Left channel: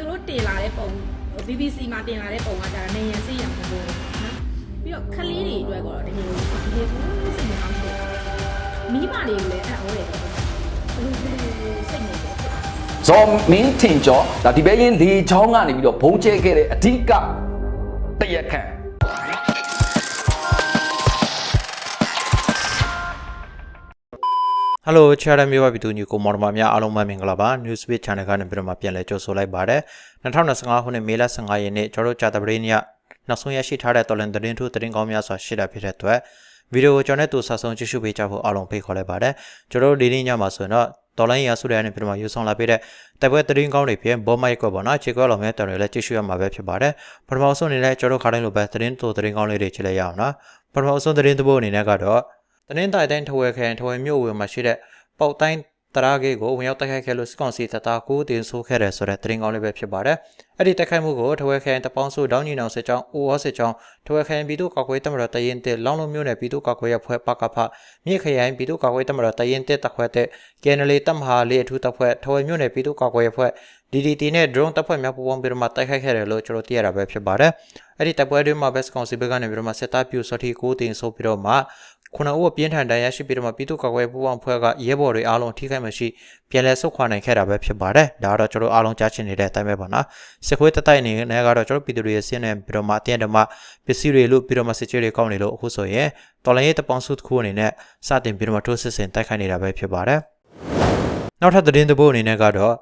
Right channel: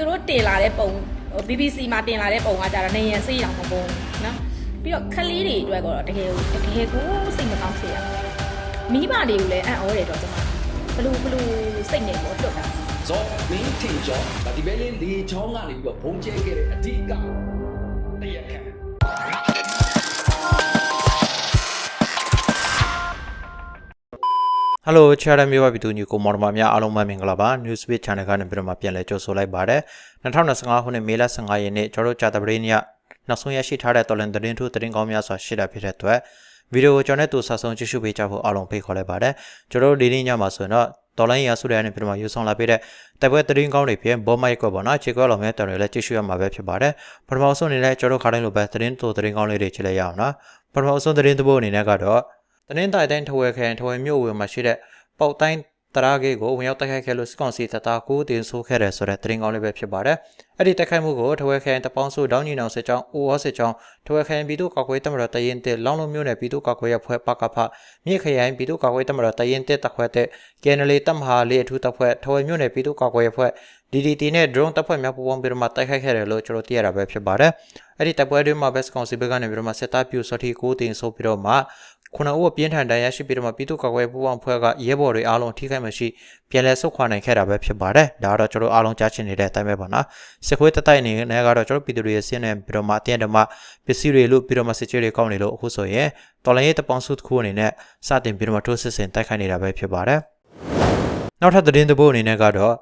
သူတို့တင်လာတဲ့ပုံဟို BBC မှာတင်လာတဲ့ပုံကကြတော့နေရစိတ်ရောင်ပုံပုံနော်ပြီးတော့ခလေးတွေအတွက်ကတော့တကယ်တကယ်ကိုစိတ်မကောင်းဖြစ်တာမိဘတွေကိုလည်းအံ့ဩတယ်တော့ဘယ်လိုဘယ်လိုစိတ်နေပေါ့ဖြစ်တာဇော်မင်းထင်ကျော်ဒါဒီပဲရင်လေချောင်းကနေပြီးတော့ဘုံကျဲခဲ့တဲ့အဓိကတရက်ခန့် ဟယ်လိုချာရမျိုးပါပြည်သူညီကိုမော်ဒမာများအားလုံးပဲမင်္ဂလာပါ Newspeak Channel ကနေပြီးတော့မှပြန်လည်ကြိုဆိုလိုက်ပါတယ်2025ခုနှစ်မေလ15ရက်နေ့ကျွန်တော်တို့ကြာသပတေးနေ့နောက်ဆုံးရရှိထားတဲ့တော်လန်သတင်းထူးသတင်းကောင်းများစွာရှိတာဖြစ်တဲ့အတွက်ဗီဒီယိုကိုကျွန်တော်နဲ့တူဆဆုံကြည့်ရှုပေးကြဖို့အားလုံးဖိတ်ခေါ်လိုက်ပါတယ်ကျွန်တော်တို့ဒီနေ့ညမှာဆိုရင်တော့တော်လိုင်းရာစုတွေကနေပြီးတော့မှယူဆောင်လာပေးတဲ့တိုက်ပွဲသတင်းကောင်းတွေဖြစ်ဘောမိုက်ကွက်ပေါ့နော်ခြေကွက်လောင်မဲ့တော်တွေလည်းကြည့်ရှုရမှာပဲဖြစ်ပါတယ်ပထမဆုံးအနေနဲ့ကျွန်တော်ခါတိုင်းလိုပဲသတင်းတူသတင်းကောင်းလေးတွေကြည့်လိုက်ရအောင်နော်ပထမဆုံးသတင်းတစ်ပုဒ်အနေနဲ့ကတော့ တနင်္သာရီတိုင်းထဝယ်ခရိုင်ထဝယ်မြို့ဝင်မှာရှိတဲ့ပေါက်တိုင်းတရာဂေးကိုဝင်ရောက်တိုက်ခိုက်ခဲ့လို့စစ်ကောင်စီတပ်သားကိုတင်ဆိုးခဲ့တယ်ဆိုတဲ့သတင်းကောင်းလေးပဲဖြစ်ပါတယ်။အဲ့ဒီတိုက်ခိုက်မှုကိုထဝယ်ခရိုင်တပေါင်းစုဒေါင်းညီနောင်စစ်ကြောင်းအိုဝါစစ်ကြောင်းထဝယ်ခရိုင်ပြည်သူ့ကာကွယ်တပ်မတော်တရင်တက်လောင်းလုံးမြို့နယ်ပြည်သူ့ကာကွယ်ရေးအဖွဲ့ပကဖမြစ်ခရိုင်ပြည်သူ့ကာကွယ်တပ်မတော်တရင်တက်တပ်ခွဲတဲ့ကယ်နလီတပ်မဟာလေးအထူးတပ်ဖွဲ့ထဝယ်မြို့နယ်ပြည်သူ့ကာကွယ်ရေးအဖွဲ့ DDT နဲ့ drone တပ်ဖွဲ့များပူးပေါင်းပြီးတော့မှတိုက်ခိုက်ခဲ့တယ်လို့ကျွန်တော်သိရတာပဲဖြစ်ပါတယ်။အဲ့ဒီတပ်ပွဲတွေမှာ best ကောင်စီဘက်ကနေပြီးတော့မှစစ်သားပြူစောတိကိုတင်ဆိုးပြီးတော့မှ ခုနအုပ်ပြင်းထန်တန်ရရှိပြီးတော့မှပြည်သူ့ကာကွယ်ပူးပေါင်းဖွဲ့ကရဲဘော်တွေအားလုံးထိခိုက်မရှိပြန်လည်ဆုတ်ခွာနိုင်ခဲ့တာပဲဖြစ်ပါတယ်။ဒါကတော့ကျွန်တော်အားလုံးကြားချင်နေတဲ့အတိုင်းပဲပေါ့နော်။စစ်ခွေးတတိုက်အနေနဲ့ကတော့ကျွန်တော်ပြည်သူတွေရဲ့ဆင်းနေပြီးတော့မှအတင်းတမပစ္စည်းတွေလို့ပြီးတော့မှစစ်ကြေးတွေကောင်းနေလို့အခုဆိုရင်တော်လိုင်းရေးတပေါင်းစုတစ်ခုအနေနဲ့စတင်ပြီးတော့မှထိုးစစ်ဆင်တိုက်ခိုက်နေတာပဲဖြစ်ပါတယ်။နောက်ထပ်သတင်းတစ်ပုဒ်အနေနဲ့ကတော့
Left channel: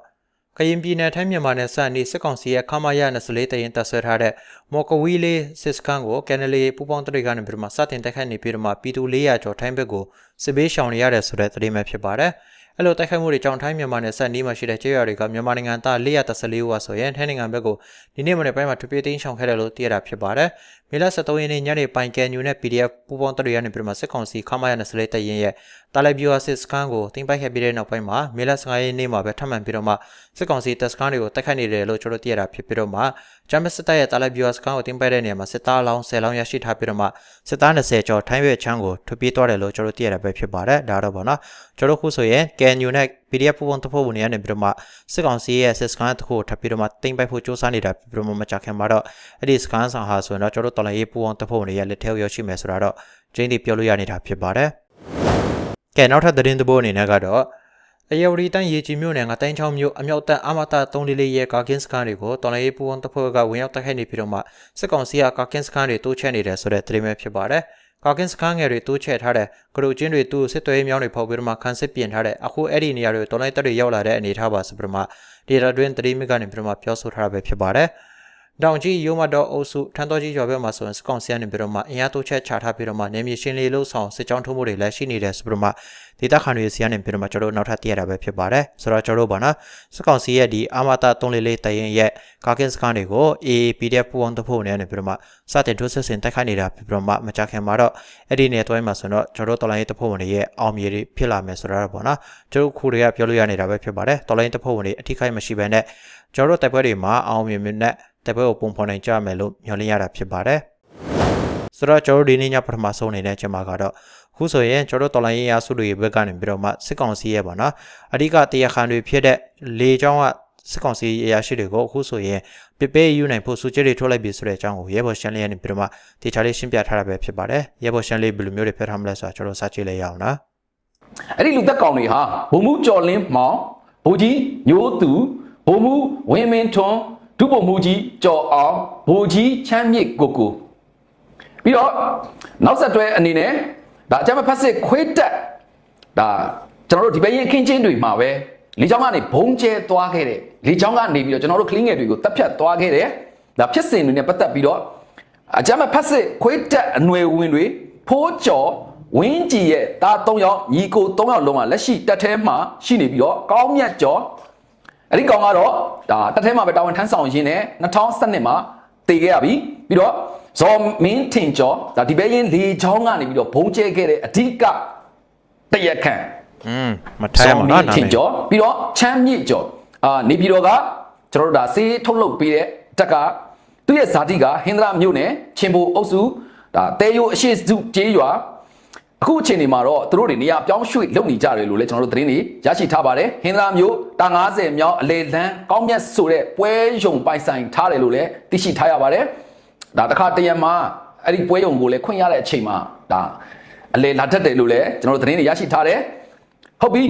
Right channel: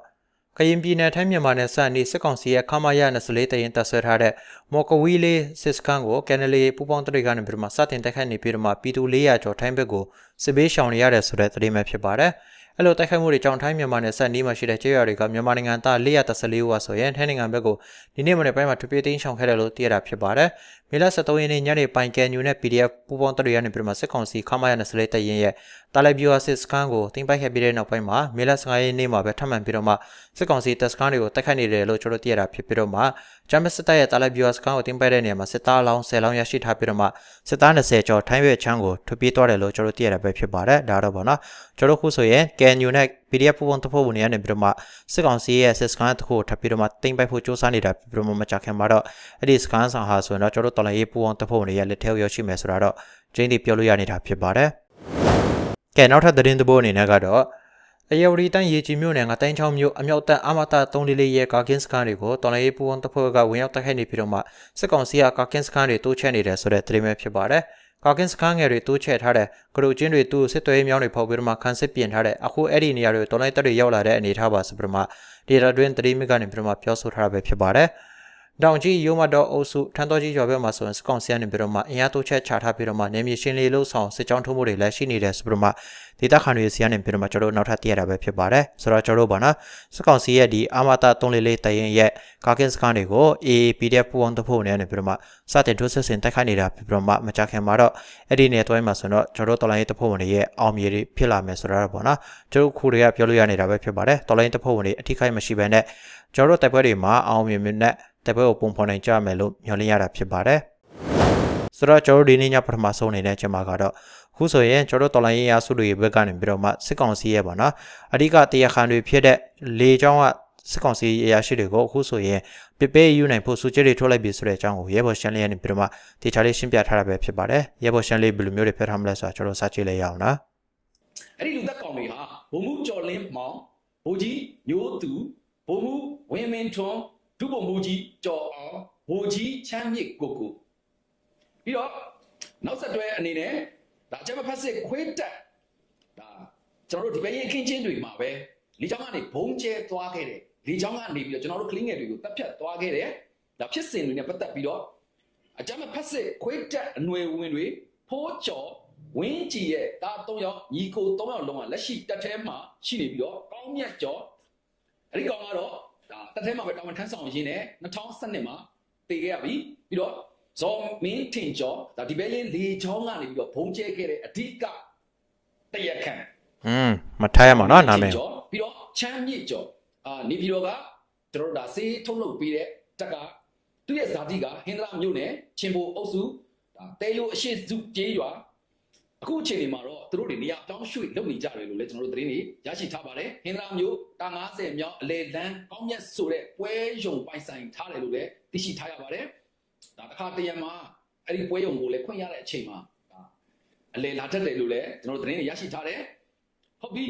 ကရင်ပြည်နယ်ထိုင်းမြန်မာနယ်စပ်နေစစ်ကောင်စီရဲ့ခမာရ24တရင်တပ်ဆွဲထားတဲ့မော်ကဝီလေးစစ်စကန်ကိုကန်နလီပူပေါင်းတရိကနေပြီးတော့မှစတင်တိုက်ခိုက်နေပြီးတော့မှပြည်သူ400ကျော်ထိုင်းဘက်ကိုစစ်ဘေးရှောင်နေရတယ်ဆိုတဲ့သတင်းပဲဖြစ်ပါတယ်။အဲ့လိုတိုက်ခိုက်မှုတွေကြောင့်ထိုင်းမြန်မာနယ်စပ်နီးမှာရှိတဲ့ကျေးရွာတွေကမြန်မာနိုင်ငံသား414ဦးဟာဆိုရင်ထိုင်းနိုင်ငံဘက်ကိုဒီနေ့မနေ့ပိုင်းမှာထွေပြေးသိမ်းရှောင်ခဲ့တယ်လို့သိရတာဖြစ်ပါတယ်။ မေလ23ရက်နေ့ညနေပိုင်ကန်ညူနဲ့ PDF ပူပေါင်းတရိကနေပြီးတော့မှစစ်ကောင်စီခမာရ24တရင်ရဲ့တာလိုက်ဗျူဟာစစ်စကန်ကိုတင်ပိုက်ခဲ့ပြီးတဲ့နောက်ပိုင်းမှာမေလ15ရက်နေ့မှာပဲထပ်မံပြီးတော့မှစစ်ကောင်စီတပ်စကန်တွေကိုတိုက်ခိုက်နေတယ်လို့ကျွန်တော်သိရတာဖြစ်ပြီးတော့မှဂျမ်မစစ်တပ်ရဲ့တာလိုက်ဗျူဟာစကန်ကိုတင်ပိုက်တဲ့နေရာမှာစစ်သားအလောင်း10လောင်းရရှိထားပြီးတော့မှစစ်သား20ကျော်ထိုင်းရွက်ချမ်းကိုထွေပြေးသွားတယ်လို့ကျွန်တော်သိရတာပဲဖြစ်ပါတယ်ဒါတော့ဗောနော်ကျွန်တော်ခုဆိုရင်ကန်ညူနဲ့ PDF ပူပေါင်းတဖို့ဝင်နေရနေပြီးတော့မှစစ်ကောင်စီရဲ့စစ်စကန်တစ်ခုကိုထပ်ပြီးတော့မှတင်ပိုက်ဖို့စ조사နေတာပြီးတော့မှမကြခင်မှာတော့အဲ့ဒီစကန်ဆောင်ဟာဆိုရင်တော့ကျွန်တော်တော်လည်းရေးပူပေါင်းတဖို့ဝင်နေရလက်ထဲရောက်ရှိမယ်ဆိုတာတော့ကျင်းတီပြောလို့ရနေတာဖြစ်ပါတယ်ကဲနောက်ထပ်သတင်းသဘောအနေနဲ့ကတော့အယဝရီတန်းရေကြီးမြို့နယ်ကတိုင်းချောင်းမြို့အမြောက်တပ်အမတာ344ရဲ့ကာကင်းစကန်တွေကိုတော်လိုင်းရေးပူဝန်တပ်ဖွဲ့ကဝင်ရောက်တိုက်ခိုက်နေပြီးတော့မှစစ်ကောင်စီကကာကင်းစကန်တွေတိုးချဲ့နေတယ်ဆိုတဲ့သတင်းပဲဖြစ်ပါတယ်။ကာကင်းစကန်ငယ်တွေတိုးချဲ့ထားတဲ့ဂရုချင်းတွေသူ့စစ်သွေးမြောင်းတွေဖောက်ပြီးတော့မှခန်းစစ်ပြင်ထားတဲ့အခုအဲ့ဒီနေရာတွေတော်လိုင်းတပ်တွေရောက်လာတဲ့အနေအထားပါဆိုပြီးတော့မှဒေတာတွင်းသတင်းမိကနေပြီးတော့မှပြောဆိုထားတာပဲဖြစ်ပါတယ်။ တောင်ကြီးရိုးမတော်အုပ်စုထန်းတော်ကြီးရွာဘက်မှာဆိုရင်စကောင်စီကနေပြီးတော့မှအင်အားတိုးချက်ချထားပြီးတော့မှနေမြေရှင်းလေးလို့ဆောင်စစ်ကြောင်းထုံးမှုတွေလည်းရှိနေတယ်ဆိုပြီးတော့မှဒေတာခန်တွေစီကနေပြီးတော့မှကျွန်တော်တို့နောက်ထပ်သိရတာပဲဖြစ်ပါတယ်ဆိုတော့ကျွန်တော်တို့ပါနော်စကောင်စီရဲ့ဒီအာမတာ344တရင်ရဲ့ကာကင်စကန်တွေကို AAPDF ပူအောင်တဖို့နေနေပြီးတော့မှစတင်ထိုးစစ်ဆင်တိုက်ခိုက်နေတာပြီးတော့မှမကြခင်မှာတော့အဲ့ဒီနေတွဲမှာဆိုတော့ကျွန်တော်တို့တော်လိုင်းရေးတဖို့ဝင်ရဲ့အောင်မြေတွေဖြစ်လာမယ်ဆိုတော့ပေါ့နော်ကျွန်တော်ခုတွေကပြောလို့ရနေတာပဲဖြစ်ပါတယ်တော်လိုင်းတဖို့ဝင်တွေအထိခိုက်မရှိဘဲနဲ့ကျွန်တော်တို့တိုက်ပွဲတွေမှာအောင်မြင်မြင်နဲ့ တပွဲကိုပုံဖော်နိုင်ကြမယ်လို့မျှော်လင့်ရတာဖြစ်ပါတယ်။ဆိုတော့ကျွန်တော်တို့ဒီနေ့ညပထမဆုံးအနေနဲ့ကျွန်မကတော့ခုဆိုရင်ကျွန်တော်တို့တော်လိုင်းရေးအားစုတွေဘက်ကနေပြီးတော့မှစစ်ကောင်စီရဲ့ပေါ့နော်အဓိကတရားခံတွေဖြစ်တဲ့လေချောင်းကစစ်ကောင်စီအရာရှိတွေကိုအခုဆိုရင်ပြပေးယူနိုင်ဖို့စူးကြတွေထုတ်လိုက်ပြီဆိုတဲ့အကြောင်းကိုရဲဘော်ရှန်လေးကနေပြီးတော့မှတေချာလေးရှင်းပြထားတာပဲဖြစ်ပါတယ်။ရဲဘော်ရှန်လေးဘယ်လိုမျိုးတွေဖျက်ထားမလဲဆိုတာကျွန်တော်စကြည့်လိုက်ရအောင်နော်အဲ့ဒီလူသက်ကောင်တွေဟာဘုံမှုကျော်လင်းမောင်ဘိုးကြီးညိုးသူဘုံမှုဝင်းမင်းထွန်း ဒုဗိုလ်မှူးကြီးကျော်အောင်ဘိုလ်ကြီးချမ်းမြေ့ကိုကိုပြီးတော့နောက်ဆက်တွဲအနေနဲ့ဒါအကြမ်းမဖက်စစ်ခွေးတက်ဒါကျွန်တော်တို့ဒီဘက်ရင်ခင်းချင်းတွေမှာပဲလေချောင်းကနေဘုံကျဲသွားခဲ့တဲ့လေချောင်းကနေပြီးတော့ကျွန်တော်တို့ကလင်းငယ်တွေကိုတပ်ဖြတ်သွားခဲ့တယ်ဒါဖြစ်စဉ်တွေနဲ့ပတ်သက်ပြီးတော့အကြမ်းမဖက်စစ်ခွေးတက်အနွယ်ဝင်တွေဖိုးကျော်ဝင်းကြည်ရဲ့တာ၃ယောက်ညီကို၃ယောက်လုံးကလက်ရှိတက်ထဲမှာရှိနေပြီးတော့ကောင်းမြတ်ကျော် အဲ့ဒီကောင်ကတော့ဒါတက်ထဲမှာပဲတာဝန်ထမ်းဆောင်ရင်းနဲ့2012မှာတည်ခဲ့ရပြီပြီးတော့ဇော်မင်းထင်ကျော်ဒါဒီဘဲရင်လေချောင်းကနေပြီးတော့ဘုံကျဲခဲ့တဲ့အဓိကတရက်ခန့်อืมမထားရမှာနော်နာမည်ကျော်ပြီးတော့ချမ်းမြင့်ကျော်အာနေပြည်တော်ကကျွန်တော်တို့ဒါစေးထုတ်လုပ်ပေးတဲ့တက်ကသူ့ရဲ့ဇာတိကဟင်္ဒရာမြို့နယ်ချင်းဘူအုပ်စုဒါတဲယိုအရှိစုကျေးရွာ အခုအချိန်ဒီမှာတော့သူတို့တွေနေရာပြောင်းရွှေ့လုပ်နေကြတယ်လို့လည်းကျွန်တော်တို့သတင်းတွေရရှိထားပါတယ်ဟင်္သာမျိုးတာ90မြောက်အလေလန်းကောင်းမြတ်ဆိုတဲ့ပွဲရုံပိုင်ဆိုင်ထားတယ်လို့လည်းသိရှိထားရပါတယ်ဒါတစ်ခါတရံမှာအဲ့ဒီပွဲရုံကိုလည်းခွင့်ရတဲ့အချိန်မှာဒါအလေလာတတ်တယ်လို့လည်းကျွန်တော်တို့သတင်းတွေရရှိထားတယ်ဟုတ်ပြီ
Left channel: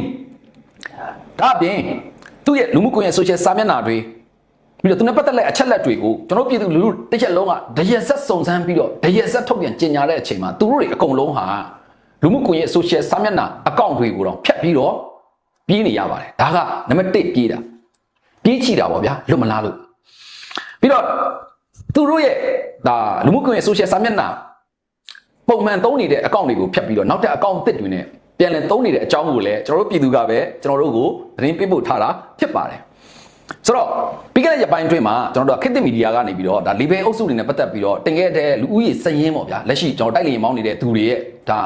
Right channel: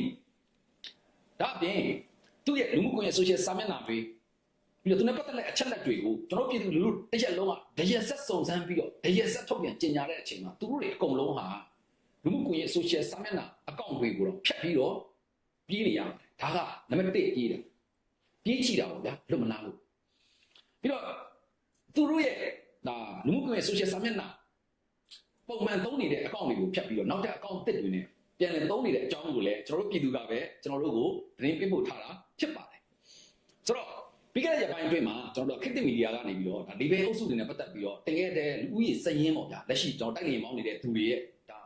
ဒါအပြင်သူ့ရဲ့လူမှုကွန်ရက် social စာမျက်နှာတွေပြီးတော့သူနဲ့ပတ်သက်တဲ့အချက်လက်တွေကိုကျွန်တော်ပြည်သူလူထုတစ်ချက်လုံးကတရက်ဆက်စုံစမ်းပြီးတော့တရက်ဆက်ထုတ်ပြန်ကြေညာတဲ့အချိန်မှာသူတို့တွေအကုန်လုံးဟာ လူမှုကွန်ရက် social စာမျက်နှာအကောင့်တွေကိုတော့ဖြတ်ပြီးတော့ပြေးနေရပါတယ်ဒါကနံပါတ်1ပြေးတာပြေးချီတာပေါ့ဗျာလွတ်မလားလို့ပြီးတော့သူတို့ရဲ့ဒါလူမှုကွန်ရက် social စာမျက်နှာပုံမှန်သုံးနေတဲ့အကောင့်တွေကိုဖြတ်ပြီးတော့နောက်ထပ်အကောင့်အသစ်တွေနဲ့ပြန်လည်သုံးနေတဲ့အကြောင်းကိုလည်းကျွန်တော်တို့ပြည်သူကပဲကျွန်တော်တို့ကိုသတင်းပေးပို့ထားတာဖြစ်ပါတယ်ဆိုတော့ပြီးခဲ့တဲ့ရက်ပိုင်းအတွင်းမှာကျွန်တော်တို့ကခေတ်သစ်မီဒီယာကနေပြီးတော့ဒါ label အုပ်စုတွေနဲ့ပတ်သက်ပြီးတော့တင်ခဲ့တဲ့လူဦးရေစည်ရင်းပေါ့ဗျာလက်ရှိကျွန်တော်တိုက်လျင်မောင်းနေတဲ့သူတွေရဲ့ဒါ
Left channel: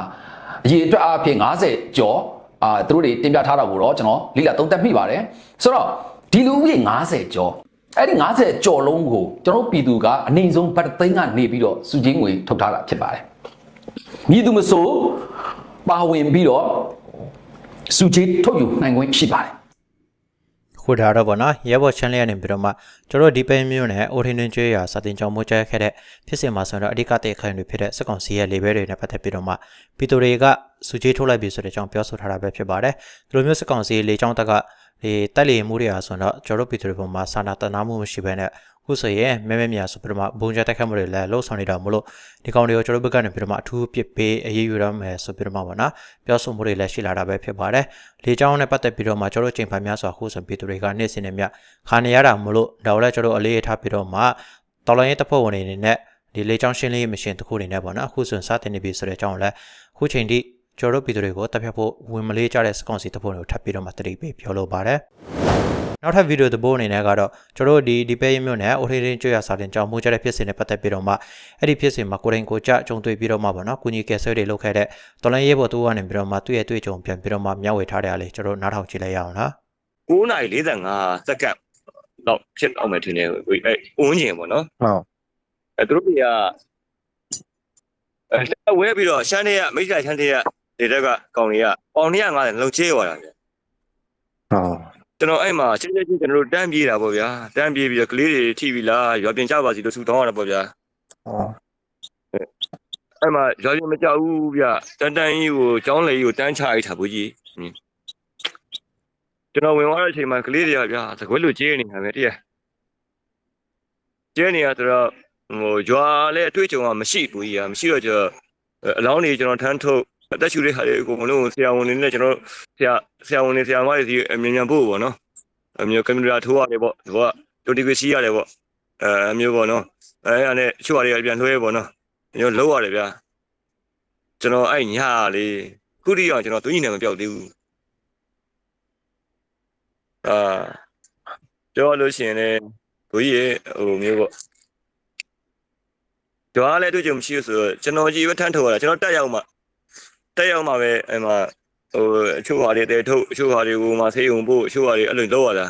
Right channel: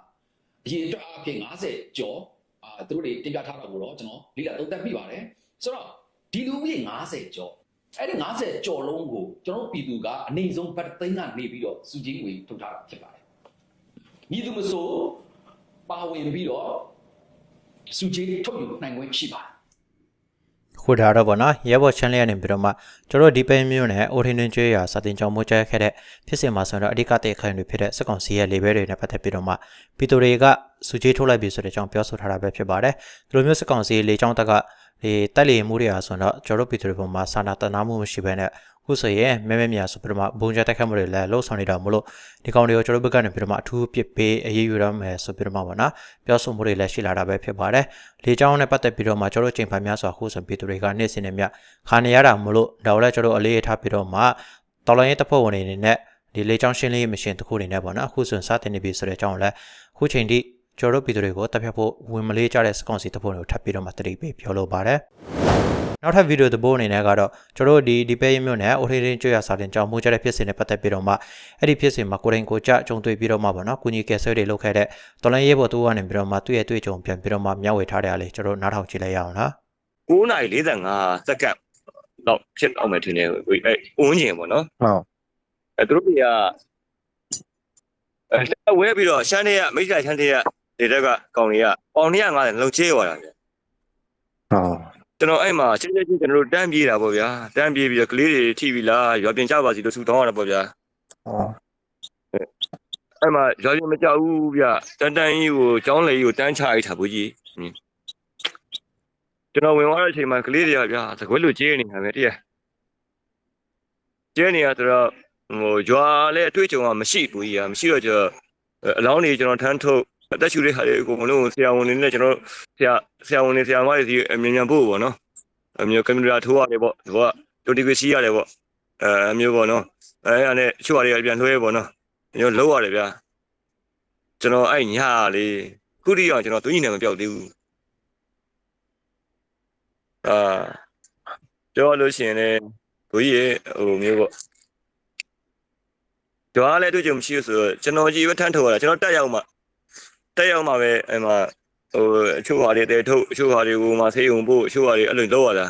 အရေးအတွက်အားဖြင့်90ကျော်အာသူတို့တွေတင်ပြထားတာကိုတော့ကျွန်တော်လိလာသုံးသပ်မိပါတယ်ဆိုတော့ဒီလူဦးရေ90ကျော်အဲ့ဒီ90ကျော်လုံးကိုကျွန်တော်ပြည်သူကအနိုင်ဆုံးဗတ်သိန်းကနေပြီးတော့စုချင်းငွေထုတ်ထားတာဖြစ်ပါတယ်မြည်သူမဆိုပါဝင်ပြီးတော့စုချင်းထုတ်ယူနိုင်ခွင့်ရှိပါတယ် ခုဒါတော့ဗောနော်ရဲဘော်ချန်လေးရနေပြီးတော့မှကျွန်တော်ဒီပိန်းမျိုးနဲ့အိုထင်းတွင်ကျွေးရစာတင်ကြောင်းမိုးကျဲခဲ့တဲ့ဖြစ်စဉ်မှာဆိုတော့အဓိကတဲ့ခိုင်တွေဖြစ်တဲ့စက်ကောင်စီရဲ့လေဘဲတွေနဲ့ပတ်သက်ပြီးတော့မှပီတိုတွေကစုချေးထုတ်လိုက်ပြီဆိုတဲ့အကြောင်းပြောဆိုထားတာပဲဖြစ်ပါတယ်ဒီလိုမျိုးစက်ကောင်စီလေကြောင်းတက်ကဒီတက်လီမှုတွေအားဆိုတော့ကျွန်တော်ပီတိုတွေပေါ်မှာစာနာတနာမှုမရှိဘဲနဲ့ ခုဆိုရင်မဲမဲမြာဆိုပြီးတော့မှဘုံကျတက်ခတ်မှုတွေလည်းလှုပ်ဆောင်နေတာမလို့ဒီကောင်တွေကိုကျွန်တော်ဘက်ကနေပြီးတော့မှအထူးပစ်ပေးအရေးယူရမယ်ဆိုပြီးတော့မှပေါ့နော်ပြောဆိုမှုတွေလည်းရှိလာတာပဲဖြစ်ပါတယ်လေကြောင်းနဲ့ပတ်သက်ပြီးတော့မှကျွန်တော်ချိန်ဖန်များစွာခုဆိုပီတိုတွေကနေ့စဉ်နဲ့မြခါနေရတာမလို့ဒါကိုလည်းကျွန်တော်အလေးထားပြီးတော့မှတော်လိုင်းရေးတပ်ဖွဲ့ဝင်တွေအနေနဲ့ဒီလေကြောင်းရှင်းလင်းရေးမရှင်တစ်ခုအနေနဲ့ပေါ့နော်အခုဆိုရင်စတင်နေပြီဆိုတဲ့အကြောင်းလည်းအခုချိန်ထိကျွန်တော်တို့ပြည်သူတွေကိုတပ်ဖြတ်ဖို့ဝင်မလေးကြတဲ့စကွန်စီတပ်ဖွဲ့တွေကိုထပ်ပြီးတော့မှတတိပေးပြောလိုပါတယ် နောက်ထပ်ဗီဒီယိုသဘောအနေနဲ့ကတော့ကျွန်တော်တို့ဒီဒီပဲရမြို့နယ်အိုထေးရင်းကျွရစာတင်ကြောင်းမှုကြတဲ့ဖြစ်စဉ်နဲ့ပတ်သက်ပြီးတော့မှအဲ့ဒီဖြစ်စဉ်မှာကိုရင်ကိုကြကြုံတွေ့ပြီးတော့မှပေါ့နော်ကုညီကယ်ဆယ်တွေလုပ်ခဲ့တဲ့တော်လိုင်းရေးဘော်တူကနေပြီးတော့မှသူ့ရဲ့တွေ့ကြုံပြန်ပြီးတော့မှမျှဝေထားတဲ့အလေးကျွန်တော်တို့နားထောင်ကြည့်လိုက်ရအောင်နော်9:45စက္ကန့်တော့ဖြစ်အောင်မယ်ထင်တယ်ကိုအဲအဝန်းကျင်ပေါ့နော်ဟုတ်အဲသူတို့တွေကအဲဝဲပြီးတော့ရှမ်းတွေကမိတ်ကရှမ်းတွေကဒေတက်ကကောင်တွေကပေါင်150လုံချေးသွားတာဗျဟုတ် ကျွန်တော်အဲ့မှာချင်းချင်းချင်းကျွန်တော်တို့တန်းပြေးတာပေါ့ဗျာတန်းပြေးပြီးတော့ကလေးတွေထိပြီလားရွာပြင်ကြပါစီလို့ဆူတောင်းရတာပေါ့ဗျာဟုတ်အဲ့မှာရွာပြင်မကြောက်ဘူးဗျတန်တန်ကြီးကိုကျောင်းလေကြီးကိုတန်းချရိုက်တာဘူးကြီးဟင်းကျွန်တော်ဝင်သွားတဲ့အချိန်မှာကလေးတွေကဗျာသကွဲလို့ကျေးနေတာပဲတည်းကျဲနေရဆိုတော့ဟိုရွာလည်းအတွေ့အကြုံကမရှိဘူးကြီးอ่ะမရှိတော့ကျွန်တော်အလောင်းတွေကျွန်တော်ထမ်းထုတ် အသက်ရှူတဲ့ဟာတွေအကုန်လုံးဆရာဝန်တွေနဲ့ကျွန်တော်ဆရာဆရာဝန်တွေဆရာမတွေစီအမြင်မြန်ဖို့ပေါ့နော်အမျိုးကင်မရာထိုးရတယ်ပေါ့ဒီကတူတီကွေစီရတယ်ပေါ့အဲအမျိုးပေါ့နော်အဲအဲ့ဒါနဲ့ချို့ဟာတွေကပြန်လွှဲပေါ့နော်ကျွန်တော်လုံးရတယ်ဗျာကျွန်တော်အဲ့ညာလေးခုတိအောင်ကျွန်တော်သူညီနဲ့မပြောက်သေးဘူးအာပြောလို့ရှိရင်လည်းဘိုးကြီးရဲ့ဟိုမျိုးပေါ့ကြွားလည်းတွေ့ကြုံမရှိဘူးဆိုတော့ကျွန်တော်ကြီးပဲထမ်းထုတ်ရတာကျွန်တော်တက်ရောက်မှ တက်ရောက်မှပဲအဲ့မှာဟိုအချို့ဟာတွေတဲထုတ်အချို့ဟာတွေကိုမှဆေးုံဖို့အချို့ဟာတွေအဲ့လိုလုပ်ရတာ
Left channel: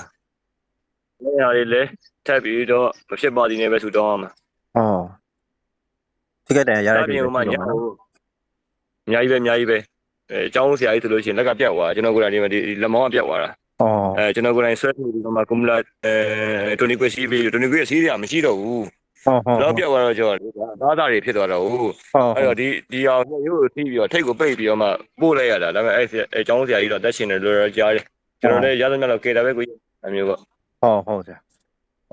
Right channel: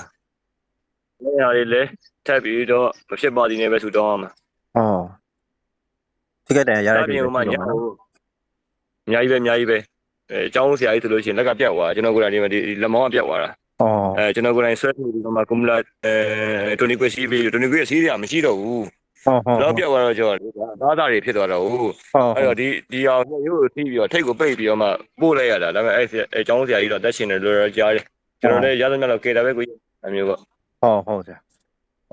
အဲ့ဟာတွေလည်းထပ်ပြီးတော့မဖြစ်ပါသေးနဲ့ပဲထူတောင်းရမှာဟုတ်ဒီကတည်းကရဒါတဲ့ပြင်ဟိုမှာညဟိုအများကြီးပဲအများကြီးပဲအဲအကြောင်းဆရာကြီးဆိုလို့ရှိရင်လက်ကပြတ်သွားကျွန်တော်ကိုယ်တိုင်ဒီမှာဒီလက်မောင်းကပြတ်သွားတာအော်အဲကျွန်တော်ကိုယ်တိုင်ဆွဲထုတ်ပြီးတော့မှကွန်မလာအဲတိုနီကွက်စီးပြီးတိုနီကွက်စီးရမရှိတော့ဘူး ဟုတ်ဟုတ် တော့ပြောက်သွားတော့ကျော်လေသားသားတွေဖြစ်သွားတော့ဟုတ် ဟုတ် အဲ့တော့ဒီဒီအောင်ရိုးရိုးထိပြီးတော့ထိတ်ကိုပိတ်ပြီးတော့မှပို့လိုက်ရတာဒါပေမဲ့အဲ့အဲအကြောင်းဆရာကြီးတော့တက်ရှင်တယ်လို့တော့ကြားတယ်ကျွန်တော်လည်းရသမျှတော့ကေတာပဲကိုကြီးအမျိုးပေါ့ ဟုတ်ဟုတ်ဆရာ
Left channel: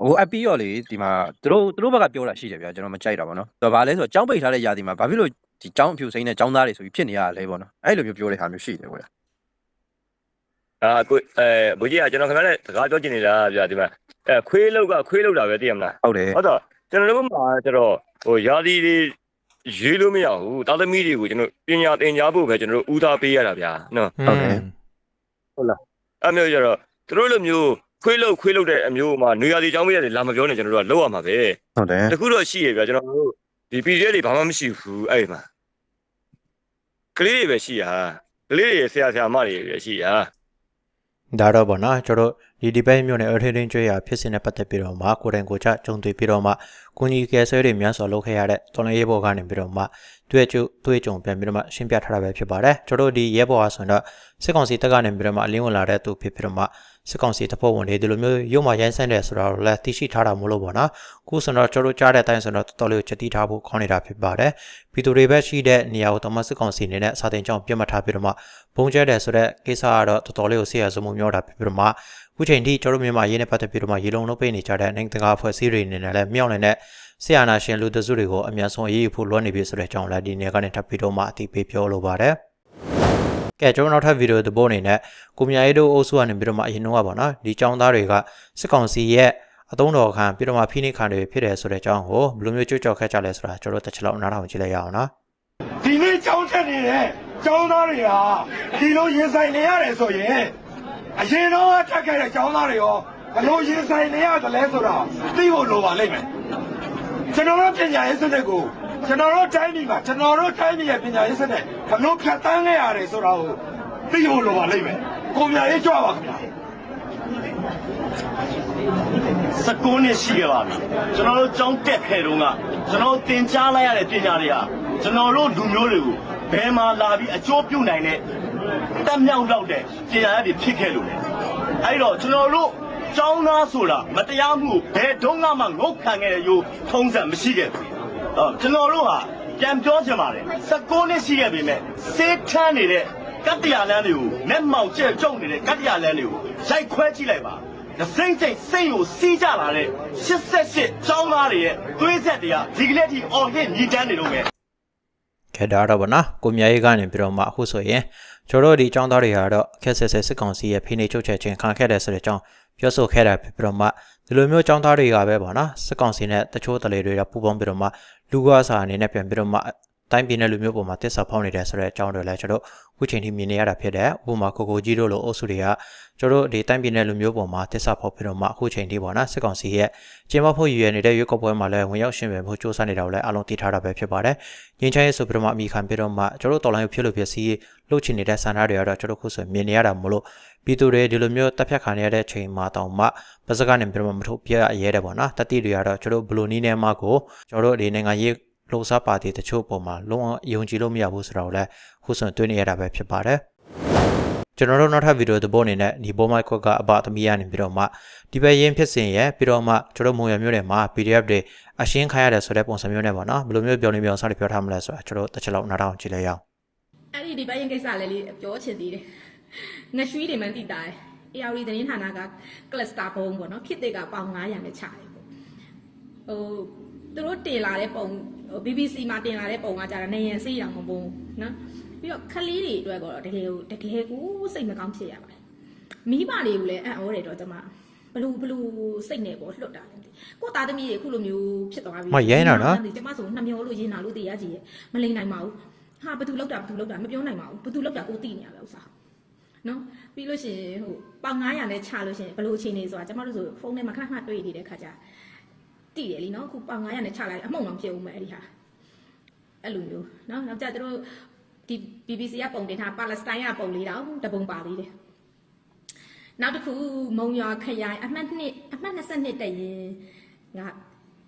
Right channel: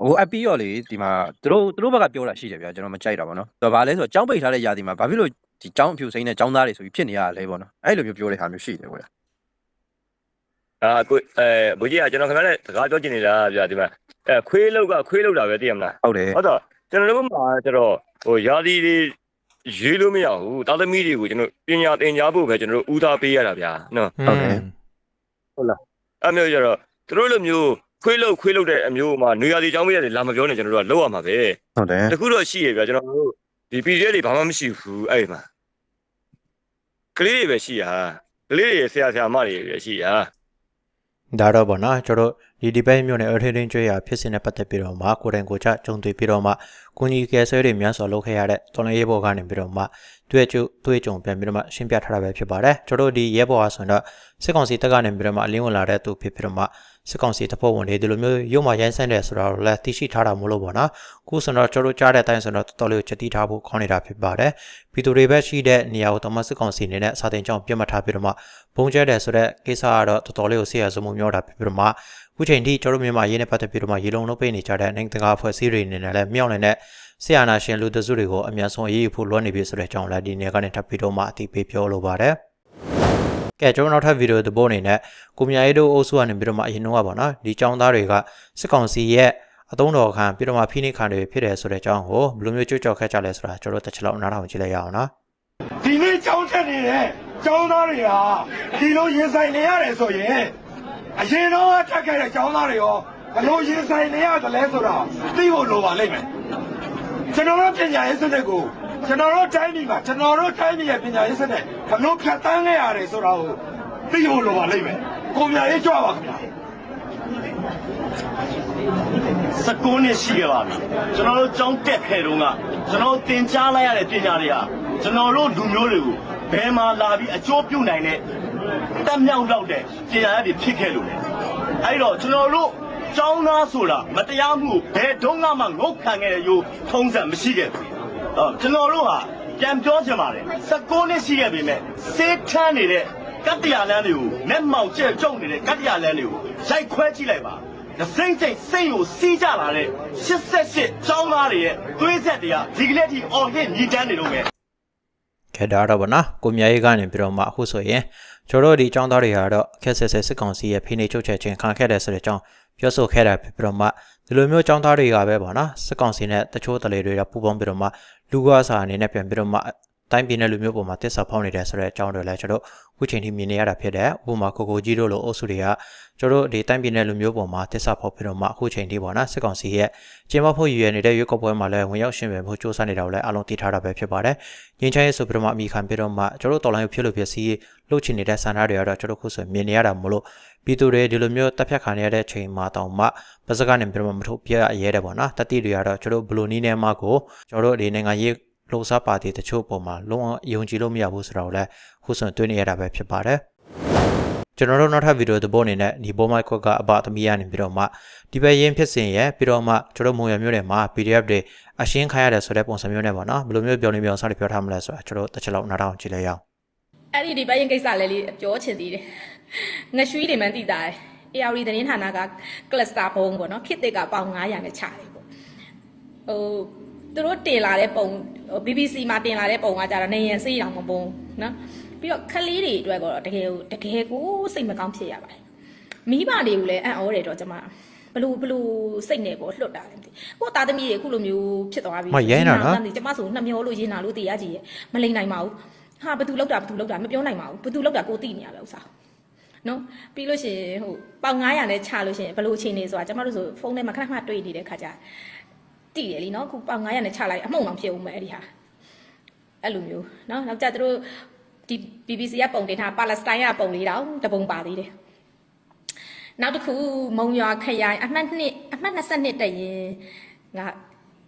ဟိုအပီရောလေဒီမှာသူတို့သူတို့ဘက်ကပြောတာရှိတယ်ဗျာကျွန်တော်မကြိုက်တာဗောနော်သူကဘာလဲဆိုတော့ចောင်းပိတ်ထားတဲ့ຢာဒီမှာဘာဖြစ်လို့ဒီចောင်းအဖြူစိမ့်နဲ့ចောင်းသားတွေဆိုပြီးဖြစ်နေရတာလဲဗောနော်အဲ့လိုမျိုးပြောတဲ့ဟာမျိုးရှိတယ်ကွာ အာကိုအဲဘုကြီးကကျွန်တော်ခင်ဗျားနဲ့စကားပြောချင်နေတာဗျာဒီမှာအဲခွေးလောက်ကခွေးလောက်တာပဲသိရမလား ဟုတ်တယ် ဟုတ်တော့ ကျွန်တော်တို့မှာကျတော့ဟိုယာဒီတွေရေးလို့မရဘူးတာသမီတွေကိုကျွန်တော်ပညာသင်ကြားဖို့ပဲကျွန်တော်တို့ဦးစားပေးရတာဗျာနော်ဟုတ်တယ်အဲ့မျိုးကျတော့သူတို့လိုမျိုးခွေးလောက်ခွေးလောက်တဲ့အမျိုးမှာနေရာဒီကြောင်းမရတယ်လာမပြောနဲ့ကျွန်တော်တို့ကလောက်ရမှာပဲဟုတ်တယ်တခုတော့ရှိရဗျာကျွန်တော်တို့ဒီ PDF တွေဘာမှမရှိဘူးအဲ့ဒီမှာကလေးတွေပဲရှိတာကလေးတွေဆရာဆရာမတွေပဲရှိတာ ဒါတော့ဗောနော်ကျွန်တော်ဒီဒီဘိုင်းမျိုးနဲ့အထင်းထင်းကျွေးရဖြစ်စဉ်နဲ့ပတ်သက်ပြီးတော့မှကိုယ်တိုင်ကိုယ်ချကြုံတွေ့ပြီးတော့မှကုညီကယ်ဆယ်တွေများစွာလုပ်ခဲ့ရတဲ့တော်လိုင်းရဲဘော်ကနေပြီးတော့မှတွေ့ကြုံတွေ့ကြုံပြန်ပြီးတော့မှရှင်းပြထားတာပဲဖြစ်ပါတယ်ကျွန်တော်ဒီရဲဘော်အားဆိုတော့စစ်ကောင်စီတပ်ကနေပြီးတော့မှအလင်းဝင်လာတဲ့သူဖြစ်ပြီးတော့မှ စစ်ကောင်စီတပ်ဖွဲ့ဝင်တွေဒီလိုမျိုးရုံမှရိုင်းဆန်းတယ်ဆိုတော့လည်းသိရှိထားတာမို့လို့ဗောနော်ခုဆိုတော့ကျွန်တော်ကြားတဲ့အတိုင်းဆိုတော့တော်တော်လေးကိုချက်တီးထားဖို့ခေါင်းနေတာဖြစ်ပါတယ်ပြည်သူတွေပဲရှိတဲ့နေရာကိုတမစစ်ကောင်စီအနေနဲ့စာတင်ကြောင်းပြတ်မှတ်ထားပြီးတော့မှဘုံကျဲတယ်ဆိုတဲ့ကိစ္စကတော့တော်တော်လေးကိုဆေးရစမှုမျိုးတာဖြစ်ပြီးတော့မှအခုချိန်ထိကျွန်တော်တို့မြန်မာရေးနဲ့ပတ်သက်ပြီးတော့မှရေလုံးလုံးပေးနေကြတဲ့နိုင်ငံတကာအဖွဲ့အစည်းတွေအနေနဲ့လည်းမြောက်နေတဲ့ဆရာနာရှင်လူတစုတွေကိုအများဆုံးအရေးယူဖို့လွှမ်းနေပြီဆိုတဲ့အကြောင်းလည်းဒီနေ့ကနေထပ်ပြီးတော့မှအသိပေးပြောလိုပါတယ်။ ကဲကျွန်တော်နောက်ထပ်ဗီဒီယိုတစ်ပုဒ်အနေနဲ့ကိုမြရေးတို့အုပ်စုကနေပြီးတော့မှအရင်တော့ကပေါ့နော်ဒီចောင်းသားတွေကစစ်ကောင်စီရဲ့အသုံးတော်ခံပြီးတော့မှဖိနှိပ်ခံတွေဖြစ်တယ်ဆိုတဲ့အကြောင်းကိုဘယ်လိုမျိုးကြွကြော်ခဲ့ကြလဲဆိုတာကျွန်တော်တို့တစ်ချက်လောက်နားထောင်ကြည့်လိုက်ရအောင်နော်ဒီနေ့ကြောင်းချက်နေတဲ့ကျောင်းသားတွေဟာဒီလိုရင်ဆိုင်နေရတယ်ဆိုရင်အရင်တော့ထက်ခဲ့တဲ့ကျောင်းသားတွေရောဘယ်လိုရင်ဆိုင်နေရတယ်လဲဆိုတာသိဖို့လိုပါလိမ့်မယ်ကျွန်တော်တို့ပညာရေးစနစ်ကို ကျွန်တော်တို့တိုင်းပြည်မှာကျွန်တော်တို့တိုင်းပြည်ရဲ့ပညာရေးစနစ်ဘယ်လိုဖြတ်တန်းခဲ့ရတယ်ဆိုတာကိုသိဖို့လိုပါလိမ့်မယ်ကိုမြရေးကြွပါခင်ဗျာ19နှစ်ရှိခဲ့ပါပြီကျွန်တော်တို့ကြောင်းတက်ခဲ့တုန်းကကျွန်တော်တို့သင်ကြားလိုက်ရတဲ့ပညာတွေဟာကျွန်တော်တို့လူမျိုးတွေကိုဘယ်မှာလာပြီးအကျိုးပြုနိုင်တဲ့တက်မြောက်တော့တဲ့ပညာရည်တွေဖြစ်ခဲ့လို့လေအဲ့တော့ကျွန်တော်တို့ကျောင်းသားဆိုတာမတရားမှုကိုဘယ်တုန်းကမှငုတ်ခံခဲ့တဲ့ရိုးထုံးစံမရှိခဲ့ဘူးအော် ကျွန်တော်တို့ဟာပြန်ပြောချင်ပါတယ်19နှစ်ရှိခဲ့ပြီမဲ့စေးထမ်းနေတဲ့ကတ္တရာလမ်းတွေကိုလက်မောင်ကျဲကျုံနေတဲ့ကတ္တရာလမ်းတွေကိုရိုက်ခွဲကြည့်လိုက်ပါဒစိမ့်စိမ့်စိတ်ကိုစီးကြလာတဲ့88ကျောင်းသားတွေရဲ့သွေးဆက်တွေကဒီကနေ့ထိအော်ဟစ်ညီတန်းနေတော့မယ်ခဲ့တာတော့ဗောနော်ကိုမြရေးကနေပြီးတော့မှအခုဆိုရင်ကျွန်တော်တို့ဒီចောင်းသားတွေဟာတော့အခက်ဆက်ဆက်စစ်ကောင်စီရဲ့ဖိနှိပ်ချုပ်ချယ်ခြင်းခံခဲ့တဲ့ဆိုတဲ့အကြောင်း ပြောဆိုခဲ့တာဖြစ်ပြီးတော့မှဒီလိုမျိုးចောင်းသားတွေကပဲဗောနော်စစ်ကောင်စီနဲ့တချို့တလေတွေကပူပေါင်းပြီးတော့မှလူကားစာအနေနဲ့ပြန်ပြီးတော့မှတိုင်းပြည်နယ်လူမျိုးပေါ်မှာတစ္ဆာဖောက်နေတယ်ဆိုတဲ့အကြောင်းတွေလည်းကျွန်တော်အ ခုချိန်ထိမြင်နေရတာဖြစ်တယ်ဥပမာကိုကိုကြီးတို့လိုအုပ်စုတွေကကျွန်တော်တို့ဒီတိုင်းပြည်နယ်လူမျိုးပေါ်မှာတစ္ဆာဖောက်ပြီးတော့မှအခုချိန်ထိပေါ့နော်စစ်ကောင်စီရဲ့ကျင်းပဖို့ရည်ရွယ်နေတဲ့ရွေးကောက်ပွဲမှာလည်းဝင်ရောက်ရှင်ပဲမှုစ조사နေတာကိုလည်းအလုံးသိထားတာပဲဖြစ်ပါတယ်ငင်းချရေးဆိုပြီးတော့မှအမိခံပြီးတော့မှကျွန်တော်တို့တော်လိုင်းကိုဖြစ်လို့ဖြစ်စီလှုပ်ချင်နေတဲ့ဆန္ဒတွေကတော့ကျွန်တော်ခုဆိုမြင်နေရတာမလို့ပြည်သူတွေဒီလိုမျိုးတပ်ဖြတ်ခံရတဲ့ချိန်မှာတောင်မှပါစကနေပြီးတော့မှမထုတ်ပြရဲတယ်ပေါ့နော်တတိတွေကတော့ကျွန်တော်ဘလိုနီးနေမှာကိုကျွန်တော်တို့ဒီနိုင်ငံရေး လှုပ်ရှားပါတီတချို့ပေါ်မှာလုံးဝယုံကြည်လို့မရဘူးဆိုတော့လည်းခုဆိုတွေ့နေရတာပဲဖြစ်ပါတယ်ကျွန်တော်တို့နောက်ထပ်ဗီဒီယိုတစ်ပုဒ်အနေနဲ့ဒီဘောမိုက်ခွက်ကအပသမီးရနေပြီးတော့မှဒီဘက်ရင်းဖြစ်စဉ်ရဲ့ပြီးတော့မှကျွန်တော်မုံရမျိုးတွေမှာ PDF တွေအရှင်းခိုင်းရတဲ့ဆိုတဲ့ပုံစံမျိုးနဲ့ပေါ့နော်ဘယ်လိုမျိုးပြောနေပြောစားတွေပြောထားမလဲဆိုတာကျွန်တော်တစ်ချက်လောက်နားထောင်ကြည့်လိုက်ရအောင်အဲ့ဒီဒီဘက်ရင်ကိစ္စလည်းလေးပြောချင်သေးတယ်ငရွှီတွေမှန်းသိတာတယ် AR သတင်းဌာနက cluster ပုံပေါ့နော်ခစ်တစ်ကပေါင်900နဲ့ချတယ်ပေါ့ဟို သူတို့တင်လာတဲ့ပုံဟို BBC မှာတင်လာတဲ့ပုံကကြတော့နေရင်စေးတောင်မပုံနော်ပြီးတော့ခလေးတွေအတွက်ကတော့တကယ်ကိုတကယ်ကိုစိတ်မကောင်းဖြစ်ရပါတယ်မိဘတွေကိုလည်းအံ့ဩတယ်တော့ကျွန်မဘလို့ဘလို့စိတ်နဲ့ပေါ့လွတ်တာလည်းမသိကို့သားသမီးတွေအခုလိုမျိုးဖြစ်သွားပြီမရဲနော်နော်ကျမဆိုနှမျောလို့ရင်းတာလို့တရားကြီးရဲ့မလိမ့်နိုင်ပါဘူးဟာဘသူလောက်တာဘသူလောက်တာမပြောနိုင်ပါဘူးဘသူလောက်တာကိုသိနေရပဲဥစားနော်ပြီးလို့ရှိရင်ဟိုပေါင်900နဲ့ချလို့ရှိရင်ဘလို့အချိန်နေဆိုတာကျမတို့ဆိုဖုန်းထဲမှာခဏခဏတွေ့နေတဲ့ခါကျ တည်တယ်လीနော်ခုပေါင်900နဲ့ချလိုက်အမှုန်အောင်ဖြစ်ဦးမယ်အဲ့ဒီဟာအဲ့လိုမျိုးနော်နောက်ကြသူတို့ဒီ BBC ကပုံတင်ထားပါလက်စတိုင်းကပုံလေးတော့တပုံပါသေးတယ်နောက်တစ်ခုမုံရွာခရိုင်အမှတ်2အမှတ်22တက်ရင်က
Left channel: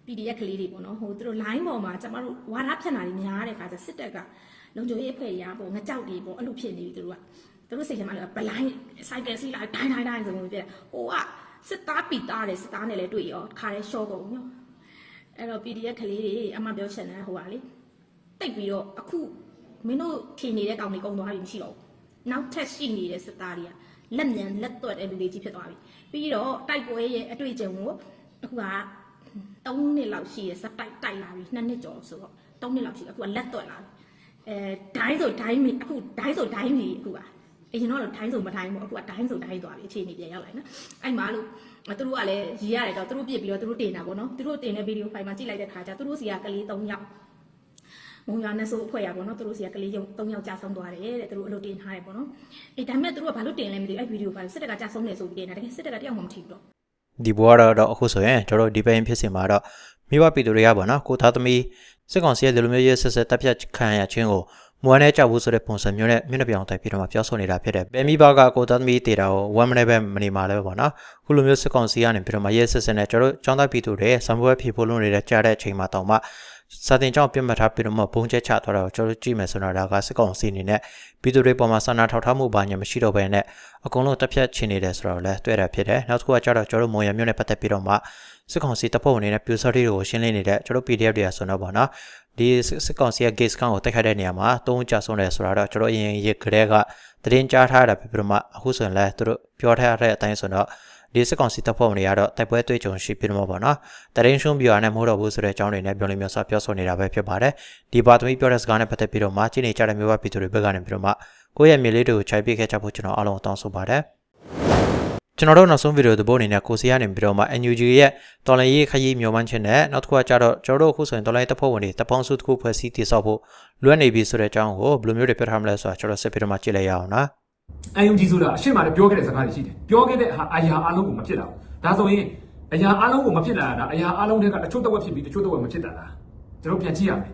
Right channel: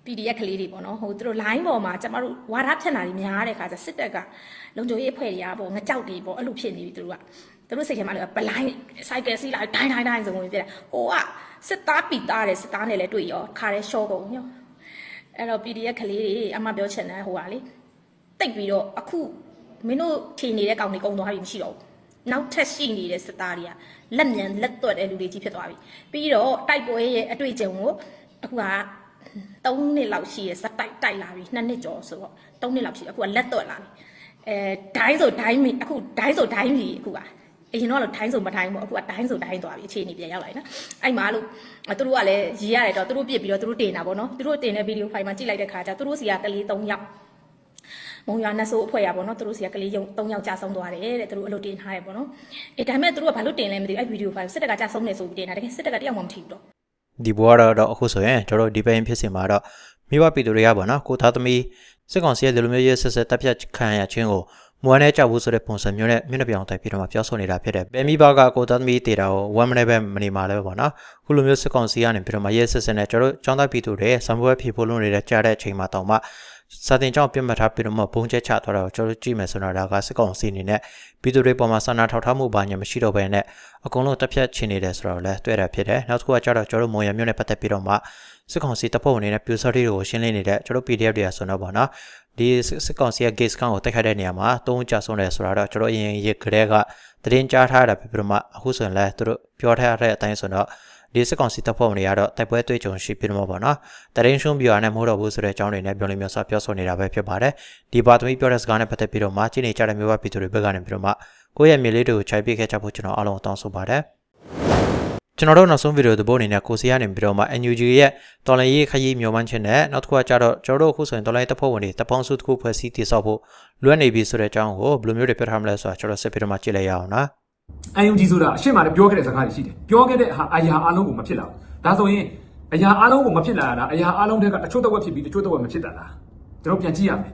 PDF ကလေးတွေပေါ့နော်ဟိုသူတို့ line ပေါ်မှာကျမတို့ဝါဒဖြတ်တာတွေများတဲ့ခါကျစစ်တပ်ကလုံခြုံရေးအဖွဲ့တွေကပေါ့ငကြောက်တွေပေါ့အဲ့လိုဖြစ်နေပြီသူတို့ကသူတို့စိတ်ထဲမှာလည်းဗလိုင်းစိုက်ကယ်စီးလိုက်ဒိုင်းဒိုင်းဒိုင်းဆိုဝင်ပြတယ်ဟိုက စစ်သားပီသားတယ်စစ်သားနဲ့လည်းတွေ့ရောခါရဲရှော့ကုန်ညောအဲ့တော့ PDF ကလေးတွေအမှပြောချင်တယ်ဟိုကလေတိတ်ပြီးတော့အခုမင်းတို့ထင်နေတဲ့ကောင်တွေကုန်သွားပြီမရှိတော့ဘူးနောက်ထပ်ရှိနေတဲ့စစ်သားတွေကလက်မြန်လက်သွက်တဲ့လူတွေကြီးဖြစ်သွားပြီပြီးတော့တိုက်ပွဲရဲ့အတွေ့အကြုံကိုအခုက3နှစ်လောက်ရှိရစက်တိုက်တိုက်လာပြီ2နှစ်ကျော်ဆိုတော့3နှစ်လောက်ရှိအခုကလက်သွက်လာပြီအဲဒိုင်းဆိုဒိုင်းမီအခုဒိုင်းဆိုဒိုင်းမီအခုက အရင်တော့လို့ဒိုင်းဆိုမဒိုင်းဘူးအခုကဒိုင်းဆိုဒိုင်းသွားပြီအခြေအနေပြန်ရောက်လာပြီနော်အဲ့မှာလို့သူတို့ကလည်းရေးရတယ်တော့သူတို့ပြစ်ပြီးတော့သူတို့တင်တာပေါ့နော်သူတို့တင်တဲ့ဗီဒီယိုဖိုင်မှာကြည့်လိုက်တဲ့ခါကျသူတို့စီကကလေး3ယောက်မုံရွာနတ်ဆိုးအဖွဲ့ရပါတော့သူတို့စီကကလေးယုံ3ယောက်ကြာဆုံးသွားတယ်တဲ့သူတို့အလုပ်တင်ထားတယ်ပေါ့နော်အေးဒါပေမဲ့သူတို့ကဘာလို့တင်လဲမသိဘူးအဲ့ဗီဒီယိုဖိုင်စစ်တပ်ကကြာဆုံးနေဆိုပြီးတင်တာတကယ်စစ်တပ်ကတယောက်မှမထိဘူးတော့ဒီဘွားတော့တော့အခုဆိုရင်ကျွန်တော်တို့ဒီပိုင်းဖြစ်စင်မှာတော့မိဘပြည်သူတွေကပေါ့နော်ကိုသားသမီးစစ်ကောင်စီရဲ့ဒီလိုမျိုးရဲဆက်ဆက်တပ်ဖြတ်ခံရခြင်းကို မမွမ်းနဲ့ကြောက်ဘူးဆိုတဲ့ပုံစံမျိုးနဲ့မျက်နှာပြောင်တိုက်ပြီးတော့မှပြောဆိုနေတာဖြစ်တယ်။ဘယ်မိဘကကိုသားသမီးတေတာကိုဝမ်းမနေပဲမနေမှာလဲပေါ့နော်။ခုလိုမျိုးစစ်ကောင်စီကနေပြီးတော့မှရဲစစ်စစ်နဲ့ကျွန်တော်တို့ចောင်းသားပြည်သူတွေစံပွဲဖြေဖို့လုပ်နေတဲ့ကြားတဲ့အချိန်မှာတောင်မှစာတင်ကြောင့်ပြတ်မှတ်ထားပြီးတော့မှဘုံချက်ချသွားတာကိုကျွန်တော်တို့ကြည့်မယ်ဆိုတော့ဒါကစစ်ကောင်စီအနေနဲ့ပြည်သူတွေပေါ်မှာစာနာထောက်ထားမှုဘာညာမရှိတော့ဘဲနဲ့အကုန်လုံးတက်ဖြတ်ချင်နေတယ်ဆိုတော့လည်းတွေ့ရဖြစ်တယ်။နောက်တစ်ခုကကျတော့ကျွန်တော်တို့မုံရမျိုးနဲ့ပတ်သက်ပြီးတော့မှ စစ်ကောင်စီတပ်ဖွဲ့ဝင်တွေနဲ့ပြူစော်တွေကိုရှင်းလင်းနေတဲ့ကျွန်တော်တို့ PDF တွေကဆိုတော့ပေါ့နော်။ဒီစစ်ကောင်စီရဲ့ gate scan ကိုတိုက်ခိုက်တဲ့နေရာမှာသုံးကြဆုံးတယ်ဆိုတာတော့ကျွန်တော်အရင်ရကလေးကသတင်းကြားထားတာဖြစ်ပြီးတော့မှအခုဆိုရင်လည်းသူတို့ပြောထားတဲ့အတိုင်းဆိုတော့ဒီစစ်ကောင်စီတပ်ဖွဲ့ဝင်တွေကတော့တိုက်ပွဲတွေ့ကြုံရှိပြီးတော့မှာပေါ့နော်တရင်ရှုံးပြရနဲ့မဟုတ်တော့ဘူးဆိုတဲ့အကြောင်းတွေနဲ့ပြောလိမ့်မျိုးစပြောဆိုနေတာပဲဖြစ်ပါတယ်ဒီပါသမီပြောတဲ့စကားနဲ့ပတ်သက်ပြီးတော့မှချိန်နေကြတဲ့မျိုးပါပြည်သူတွေဘက်ကနေပြီးတော့မှကိုယ့်ရဲ့မြေလေးတွေကိုခြိုက်ပြခဲ့ကြဖို့ကျွန်တော်အားလုံးတောင်းဆိုပါတယ် ကျွန်တော်တို့နောက်ဆုံးဗီဒီယိုသဘောအနေနဲ့ကိုစီကနေပြီးတော့မှ NUG ရဲ့တော်လိုင်းရေးခရီးမျှော်မှန်းခြင်းနဲ့နောက်တစ်ခုကကြတော့ကျွန်တော်တို့အခုဆိုရင်တော်လိုင်းတပ်ဖွဲ့ဝင်တွေတပ်ပေါင်းစုတစ်ခုဖွဲ့စည်းတည်ဆောက်ဖို့လွတ်နေပြီဆိုတဲ့အကြောင်းကိုဘယ်လိုမျိုးတွေပြထားမလဲဆိုတာကျွန်တော်ဆက်ပြီးတော့မှကြည့်လိုက်ရအောင်နော်အယုံကြည်ဆိုတာအရှိမလည်းပြောခဲ့တဲ့စကားတွေရှိတယ်ပြောခဲ့တဲ့ဟာအရာအလုံးကိုမဖြစ်လာဘူးဒါဆိုရင်အရာအလုံးကိုမဖြစ်လာတာအရာအလုံးတွေကတချို့တော့ဖြစ်ပြီးတချို့တော့မဖြစ်တာလားကျွန်တော်ပြန်ကြည့်ရမယ်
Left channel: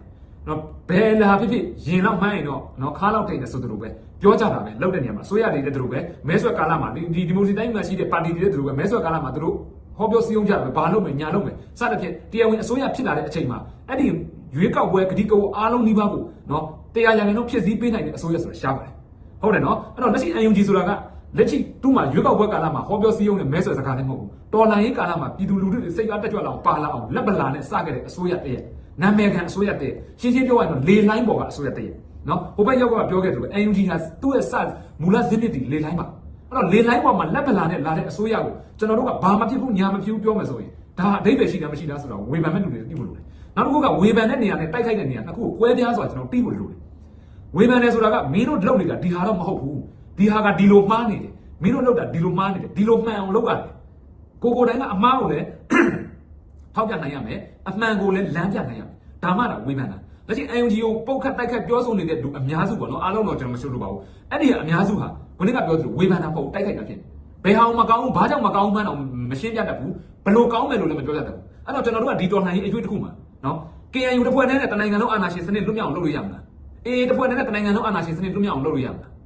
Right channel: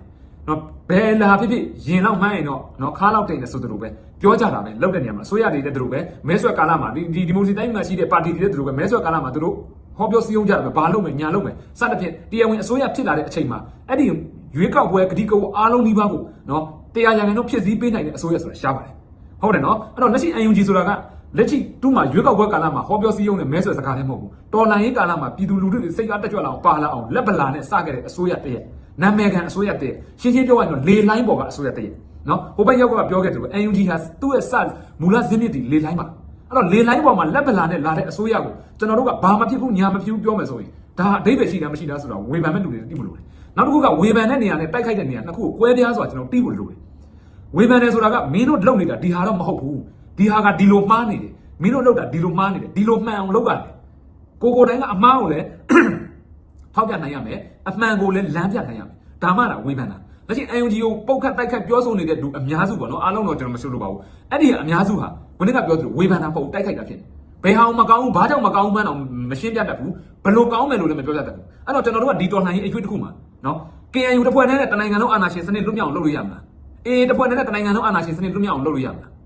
နော်ဘယ်လာဖြစ်ဖြစ်ရင်တော့မှန်းရင်တော့နော်ခါတော့တင်နေဆိုသလိုပဲ ပြောကြတာပဲလောက်တဲ့နေရာမှာအစိုးရတွေနဲ့သူတို့ပဲမဲဆွဲကာလမှာဒီဒီမိုစီတိုင်းမှာရှိတဲ့ပါတီတွေနဲ့သူတို့ပဲမဲဆွဲကာလမှာသူတို့ဟောပြောစည်းရုံးကြတယ်ဘာလုပ်မယ်ညာလုပ်မယ်စသဖြင့်တရားဝင်အစိုးရဖြစ်လာတဲ့အချိန်မှာအဲ့ဒီရွေးကောက်ပွဲဂတိကဝအားလုံးနှိပါဖို့နော်တရားရံလုံးဖြစ်စည်းပေးနိုင်တဲ့အစိုးရဆိုတာရှားပါတယ်ဟုတ်တယ်နော်အဲ့တော့လက်ရှိ UNG ဆိုတာကလက်ရှိသူ့မှာရွေးကောက်ပွဲကာလမှာဟောပြောစည်းရုံးနဲ့မဲဆွယ်စကားလည်းမဟုတ်ဘူးတော်လိုင်းရေးကာလမှာပြည်သူလူထုတွေစိတ်အားတက်ကြွလာအောင်ပါလာအောင်လက်ပလာနဲ့စခဲ့တဲ့အစိုးရတည်းရဲ့နာမည်ခံအစိုးရတည်းရှင်းရှင်းပြောရရင်တော့လေလိုင်းပေါ်ကအစိုးရတည်းရဲ့ နော်ဟိုဘက်ရောက်ကပြောခဲ့တယ်လို့ UNG ဟာသူ့ရဲ့စမူလဇင်းမြစ်တီလေလိုင်းပါအဲ့တော့လေလိုင်းပေါ်မှာလက်ပလာနဲ့လာတဲ့အစိုးရကိုကျွန်တော်တို့ကဘာမဖြစ်ဘူးညာမဖြစ်ဘူးပြောမယ်ဆိုရင်ဒါအဓိပ္ပာယ်ရှိတယ်မရှိလားဆိုတော့ဝေဖန်မဲ့လူတွေသိဖို့လိုတယ်နောက်တစ်ခုကဝေဖန်တဲ့နေရာနဲ့တိုက်ခိုက်တဲ့နေရာနှစ်ခုကိုကွဲပြားဆိုတာကျွန်တော်သိဖို့လိုတယ်ဝေဖန်တယ်ဆိုတာကမင်းတို့လုပ်နေတာဒီဟာတော့မဟုတ်ဘူးဒီဟာကဒီလိုမှားနေတယ်မင်းတို့လုပ်တာဒီလိုမှားနေတယ်ဒီလိုမှန်အောင်လုပ်ရတယ်ကိုကိုတိုင်းကအမှားကိုလည်းထောက်ပြနိုင်ရမယ်အမှန်ကိုလည်းလမ်းပြနိုင်ရမယ်ဒါမှလားဝေဖန်တာ လက်ရှိ UNG ကိုပုတ်ခတ်တိုက်ခတ်ပြောဆိုနေတဲ့လူအများစုပေါ့နော်အားလုံးတော့ကျွန်တော်မဆိုလို့ပါဘူးအဲ့ဒီကအများစုဟာခုနကပြောသလိုဝေဖန်တာမဟုတ်ဘူးတိုက်ခိုက်တာဖြစ်ဘယ်ဟာမကောင်းဘူးဘာကြောင့်မကောင်းဘူးမှန်းတော့မရှင်းပြတတ်ဘူးဘယ်လိုကောင်းမယ်လို့လည်းမပြောတတ်ဘူးအဲ့တော့ကျွန်တော်တို့ကဒီတော်လှန်ရေးအကျွေးတစ်ခုမှာနော် KNU တစ်ဖွဲ့တည်းနဲ့တနိုင်ငံလုံးအာဏာရှင်စနစ်လွတ်မြောက်အောင်လုပ်လို့ရမှာအေးတစ်ဖွဲ့တည်းနဲ့တနိုင်ငံလုံးအာဏာရှင်စနစ်လွတ်မြောက်အောင်လုပ်လို့ရမှာ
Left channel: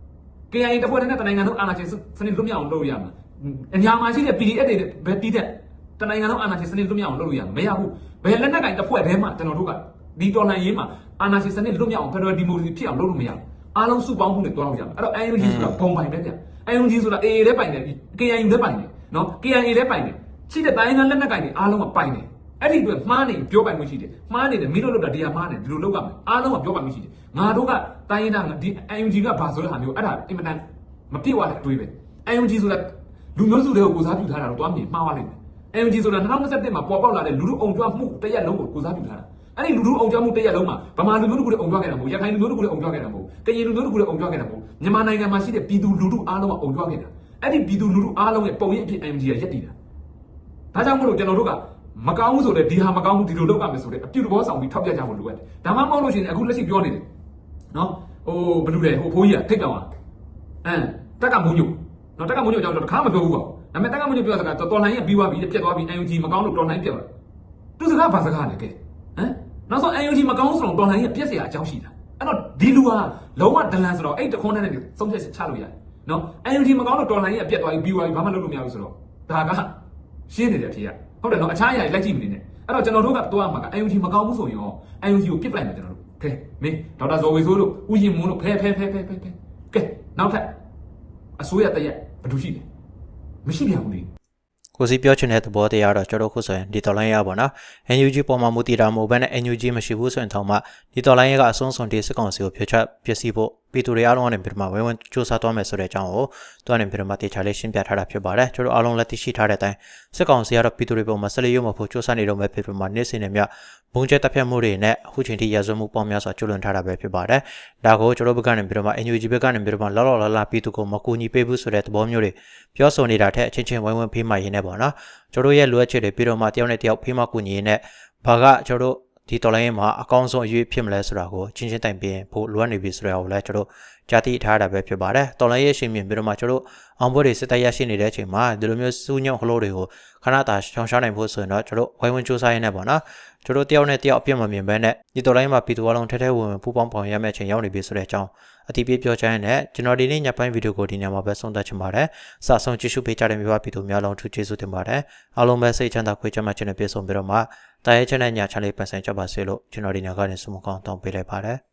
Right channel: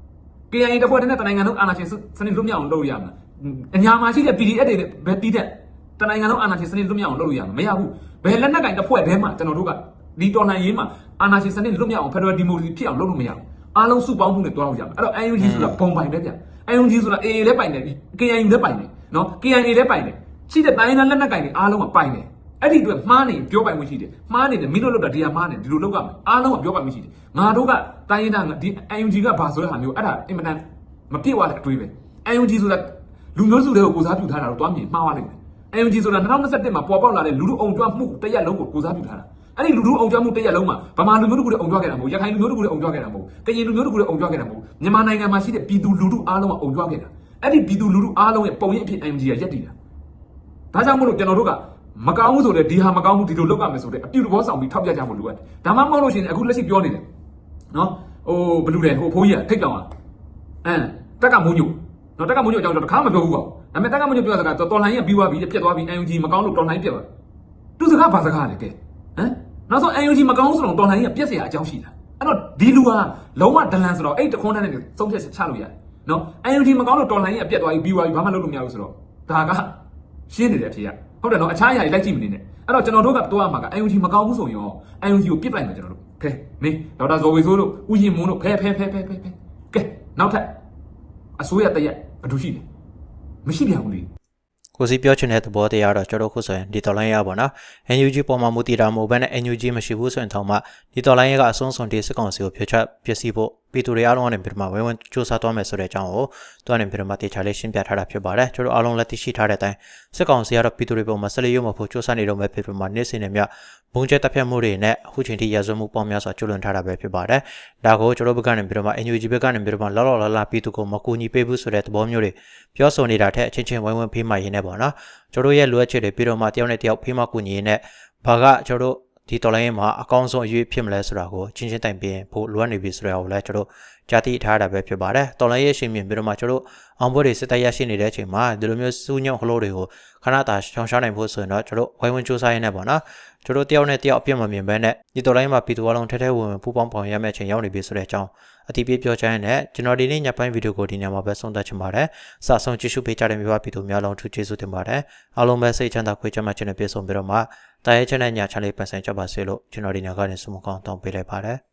KIA တစ်ဖွဲ့တည်းနဲ့တနိုင်ငံလုံးအာဏာရှင်စနစ်လွတ်မြောက်အောင်လုပ်လို့ရမှာအများမှာရှိတဲ့ PDF တွေပဲတီးတဲ့တနိုင်ငံလုံးအာဏာရှင်စနစ်လွတ်မြောက်အောင်လုပ်လို့ရမှာမရဘူးဘယ်လက်နက်ကင်တစ်ဖွဲ့တည်းမှာကျွန်တော်တို့က ဒီတော်လှန်ရေးမှာအာဏာရှင်စနစ်လွတ်မြောက်အောင်ဖက်ဒရယ်ဒီမိုကရေစီဖြစ်အောင်လုပ်လို့မရဘူးအားလုံးစုပေါင်းမှုနဲ့တွားလို့ရမှာအဲ့တော့ UNG ဆိုတာဘုံပိုင်ပဲဗျ UNG ဆိုတာ AA လည်းပိုင်တယ် KIA လည်းပိုင်တယ်နော် KIA လည်းပိုင်တယ်ရှိတဲ့တိုင်းသားလက်နက်ကင်တွေအားလုံးကပိုင်တယ်အဲ့ဒီအတွက်မှားနေပြောပိုင်မှုရှိတယ်မှားနေတယ်မင်းတို့လုပ်တာဒီဟာမှားနေဒီလိုလုပ်ရမယ်အားလုံးကပြောပိုင်မှုရှိတယ်ငါတို့ကတိုင်းရင်းသားဒီ UNG ကဘာဆိုတဲ့ဟာမျိုးအဲ့ဒါအင်မတန်မပြည့်ဝတဲ့အတွေးပဲ UNG ဆိုတာလူမျိုးစုတွေကိုကိုစားပြုထားတာတော့တွားမြင်မှားပါလိမ့်မယ် UNG ဆိုတာ2021မှာပေါ်ပေါက်လာတဲ့လူလူအောင်ကြွမှုတရက်လုံးကိုကိုစားပြုထားတာ အဲ့ဒီလူလူအောင်ကြွမှုတရက်လုံးမှာဗမာလူမျိုးတို့ကိုလည်းအောင်ကြွခဲ့တာမဟုတ်ရခိုင်လူမျိုးတို့ကိုလည်းအောင်ကြွခဲ့တာမဟုတ်ကရင်လူမျိုးတို့ကိုလည်းအောင်ကြွခဲ့တာမဟုတ်မြန်မာနိုင်ငံမှာရှိတဲ့ပြည်သူလူထုအားလုံးကအောင်ကြွခဲ့တာအဲ့ဒီပြည်သူလူထုအားလုံးရဲ့ပုံရိပ်အဖြစ် UNG ကရက်တည်တာဒါကြောင့်မို့လို့ကျွန်တော်တို့ကမကောင်းဘူးဆိုတဲ့ဒီဟာမကောင်းဘူးဒီလိုလုပ်ရမယ်ဆိုတဲ့အပြုတဘောဆောင်ပြီးထောက်ပြကြဖို့လိုအပ်တယ်။ဒါမှမဟုတ်လို့ရှိရင်အခုလက်ရှိပြောနေတယ်။နော်။ဟိုဘလူတယ်ဟိုဖိုးကြီးကထိတ်တောင်อ่ะ။အမ်တက်ကမုံညို။နော်တက်ကမုံညိုအကြောင်းတော့တခါမပြောဘူးပေါ့။ဒါပေမဲ့တက်ကမုံညိုပြောတာကတော်လိုင်းရဲ့ပြီးသွားပြီပြတ်သွားပြီ UNG မကောင်းလို့တော်လိုင်းပြတ်သွား။သူစကားဘာစကားလဲကဲ။ဟမ် နောက်ဆုံး NUG မကောင်းဆိုတော့တော်လှန်ရေးကပြက်စရာအကြောင်းရှိတာအဲ့တော့ဒီလူဟာလုံးဝဒလန်ဆိုတော့အဲ့တခွန်းနဲ့သုံးဖြတ်ချက်ချလို့ရတယ်နော် NUG မကောင်းတော့တော်လှန်ရေးကပြက်သွားပြီးပြီးသွားပြီးဘာမှလုပ်လို့မရဘူးဆိုတော့ဒါကရှင်းနေတယ်အဖြေကဟုတ်တယ်နော်အခြားအရာတွေလိုက်ကြည့်မနေနဲ့အဲ့တော့ကျွန်တော်တို့ကတော့အမှာက NUG မကောင်းဘူးဆိုရင်ရော NUG ကိုပြစ်ပလိုက်မယ်ကျွန်တော်တို့ကဲမင်းဒေါက်တာဇော်ဝေဆိုးတို့ဦးရင်မွန်းတို့ဖဲဖဲဖဲဖဲဖဲကဲနောက်ထပ်အစိုးရတရက်ဘာလို့ရှိလဲမရှိပြန်ဘူးလေ ကိုစီပြောချင်တဲ့သဘောတရားတော့ကျွန်တော်ခုဆိုရင်ဒီတော်လိုင်းရပါတော့ NUG ပေါ်မှာမူတည်တာမဟုတ်ဘဲနဲ့ NUG မရှိဘူးဆိုရင်တော့မှဒီတော်လိုင်းရကအဆုံးစွန်ဒီစစ်ကောင်စီကိုဖျက်ချပျက်စီးဖို့ ပြည်သူတွေအားလုံးကနေပြည်မှာဝိုင်းဝန်းစူးစမ်းသွားမယ်ဆိုတဲ့အကြောင်းကိုသူကနေပြည်မှာတေချာလေးရှင်းပြထားတာဖြစ်ပါတယ်ကျွန်တော်အားလုံးလက်သိရှိထားတဲ့အတိုင်းစစ်ကောင်စီကတော့ပြည်သူတွေပေါ်မှာဆက်လက်ရုံမဖို့စူးစမ်းနေတော့မယ်ပြည်မှာနေ့စဉ်နဲ့မြဘုံကျက်တပ်ဖြတ်မှုတွေနဲ့အခုချိန်ထိရဇဝမှုပေါင်းများစွာကျွလွန်ထားတာပဲဖြစ်ပါတယ်ဒါကိုကျွန်တော်ဘက်ကနေပြည်မှာ NUG ဘက်ကနေပြည်မှာလောလောလလပြည်သူကိုမကူညီပေးဘူးဆိုတဲ့သဘောမျိုးတွေပြောဆိုနေတာထက်အချင်းချင်းဝိုင်းဝန်းဖေးမှရင်းနေပါတော့ကျွန်တော်ရဲ့လိုအပ်ချက်တွေပြီးတော့မှတယောက်နဲ့တယောက်ဖေးမှကူညီရင်းနဲ့ဘာကကျွန်တော် ဒီတော်လိုင်းရေးမှာအကောင်းဆုံးအရွေးဖြစ်မလဲဆိုတာကိုချင်းချင်းတိုင်ပြင်ဖို့လိုအပ်နေပြီဆိုတော့လည်းကျွန်တော်ကြားသိထားတာပဲဖြစ်ပါတယ်တော်လိုင်းရေးရှင်မြင်ပြီးတော့မှကျွန်တော်အောင်ပွဲတွေစစ်တပ်ရရှိနေတဲ့အချိန်မှာဒီလိုမျိုးစူးညုံဟလို့တွေကိုခဏတာရှောင်ရှားနိုင်ဖို့ဆိုရင်တော့ကျွန်တော်ဝိုင်းဝန်းစူးစမ်းရနေပါတော့ကျွန်တော်တယောက်နဲ့တယောက်အပြစ်မမြင်ဘဲနဲ့ဒီတော်လိုင်းမှာပြည်သူအလုံးထဲထဲဝင်ဝင်ပူပေါင်းပေါင်းရမယ့်အချိန်ရောက်နေပြီဆိုတဲ့အကြောင်း အတိပြပြောချင်တဲ့ကျွန်တော်ဒီနေ့ညပိုင်းဗီဒီယိုကိုဒီညမှာပဲဆုံးသက်ချင်ပါတယ်။စာဆုံးကြည့်ရှုပေးကြတဲ့မြန်မာပြည်သူများလုံးထူးကျေးဇူးတင်ပါတယ်။အားလုံးပဲစိတ်ချမ်းသာခွေးချမ်းသာခြင်းနဲ့ပြည့်စုံပြီးတော့မှတာရဲချမ်းတဲ့ညချမ်းလေးပန်ဆိုင်ကြပါစေလို့ကျွန်တော်ဒီညကနေဆုမကောင်းတောင်းပေးလိုက်ပါတယ်။